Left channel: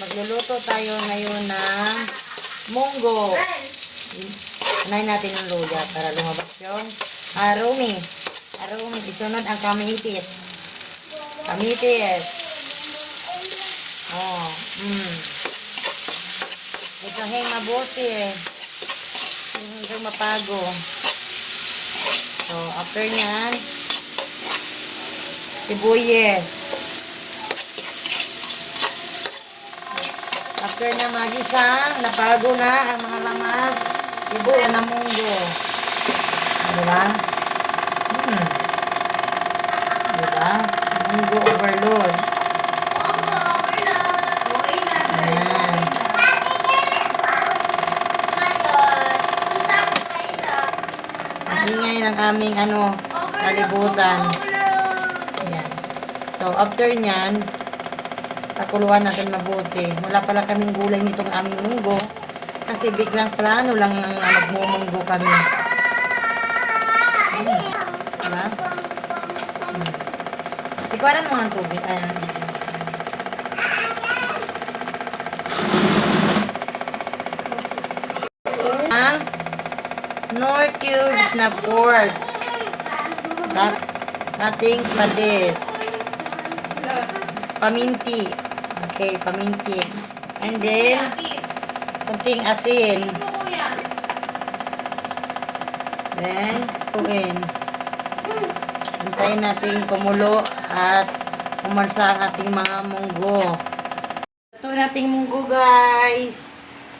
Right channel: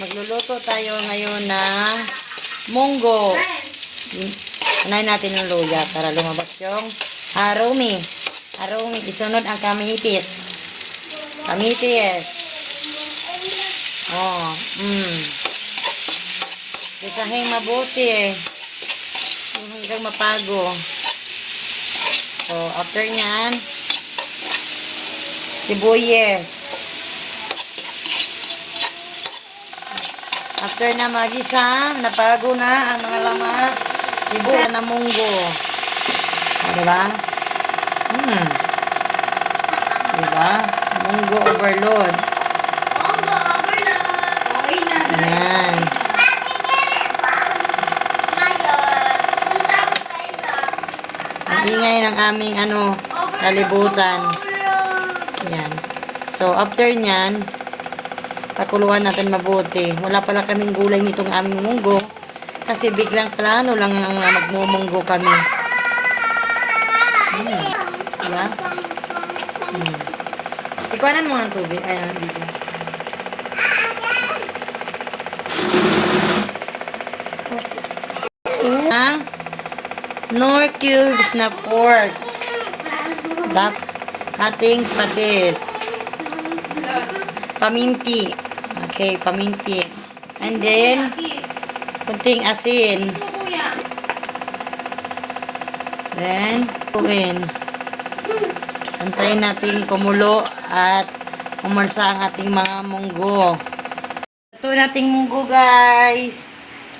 Magluluto tayo ngayon ng munggo. Unahin natin yung luya para lumabas yung aroma. Aroma. Isunod ang kamitis. Kamitis. Oh, Isahin mabuti. Hanggang mapago. So, after nyan, sibuyes. After na magisa, napago na ang mga lamas, sibuyas na munggo. Diba? Diba? Munggo overload. Ayan. Ang ingay ng aming kalibutan. Ayan. So, after nyan, pakuluan natin mabuti. Wala pala kaming gulay nitong aming munggo. Kasi biglang plano lang nagmumunggo kami. Diba? Ikuanan mo ang tubig. Ayan, dito. Ang nor cubes na pork. Ating padis. Paminti. Okay, paminti. And then, kunting asin. Then, tuwin. Antayin natin kumulo at umarsa ang ating mga munggo. Ito nating munggo, guys.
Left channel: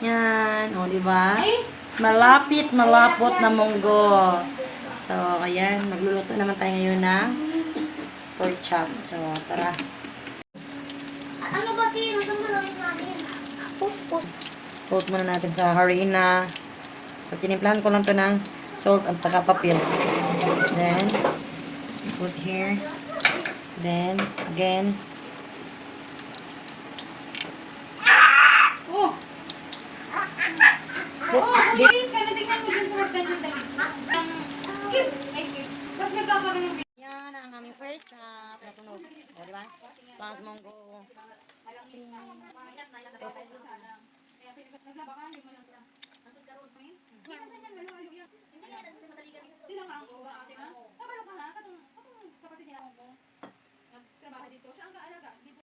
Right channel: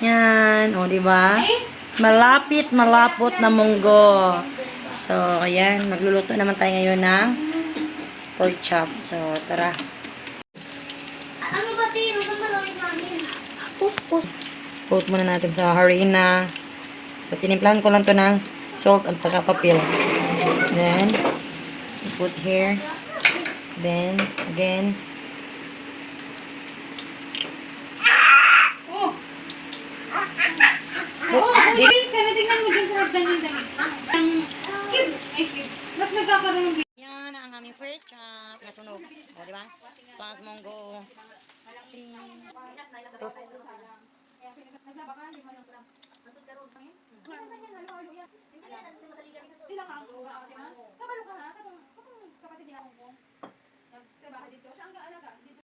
Yan, o, diba? Malapit, malapot na munggo. So, ayan, magluluto naman tayo ngayon ng pork chop. So, tara. Ano ba din? Ano ba lang namin? Coat muna natin sa harina. So, tinimplahan ko lang to ng salt at saka papel. Then, put here. Then, again. Please, tingnan mo dyan sa hagdan yung damit. Ba't nagkakaroon ng Yan ang aming pork chop. Nasunog. O, diba? Plus munggo. Sos. sila nga ang ate na. Kabalo ka na, katong kapatid niya ako. Nagtrabaho dito. Siya ang kaalaga. Dito.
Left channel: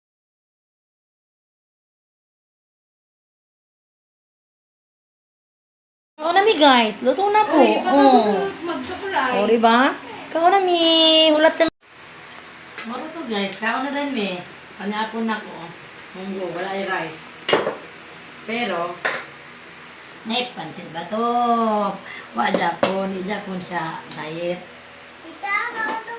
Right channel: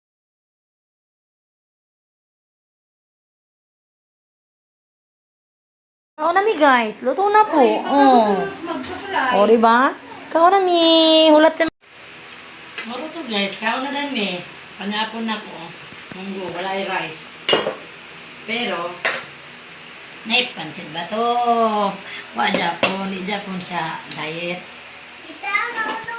Kao nami guys. Luto na po. Oh. Magsukulay. O, diba? Kao nami. Hulat sa... Maruto guys. Kao na rin mi. Panyapon na ko. Munggo. Wala ay rice. Pero, naipansin ba to? Wa Japon. Di Japon siya. Diet. Tita, ako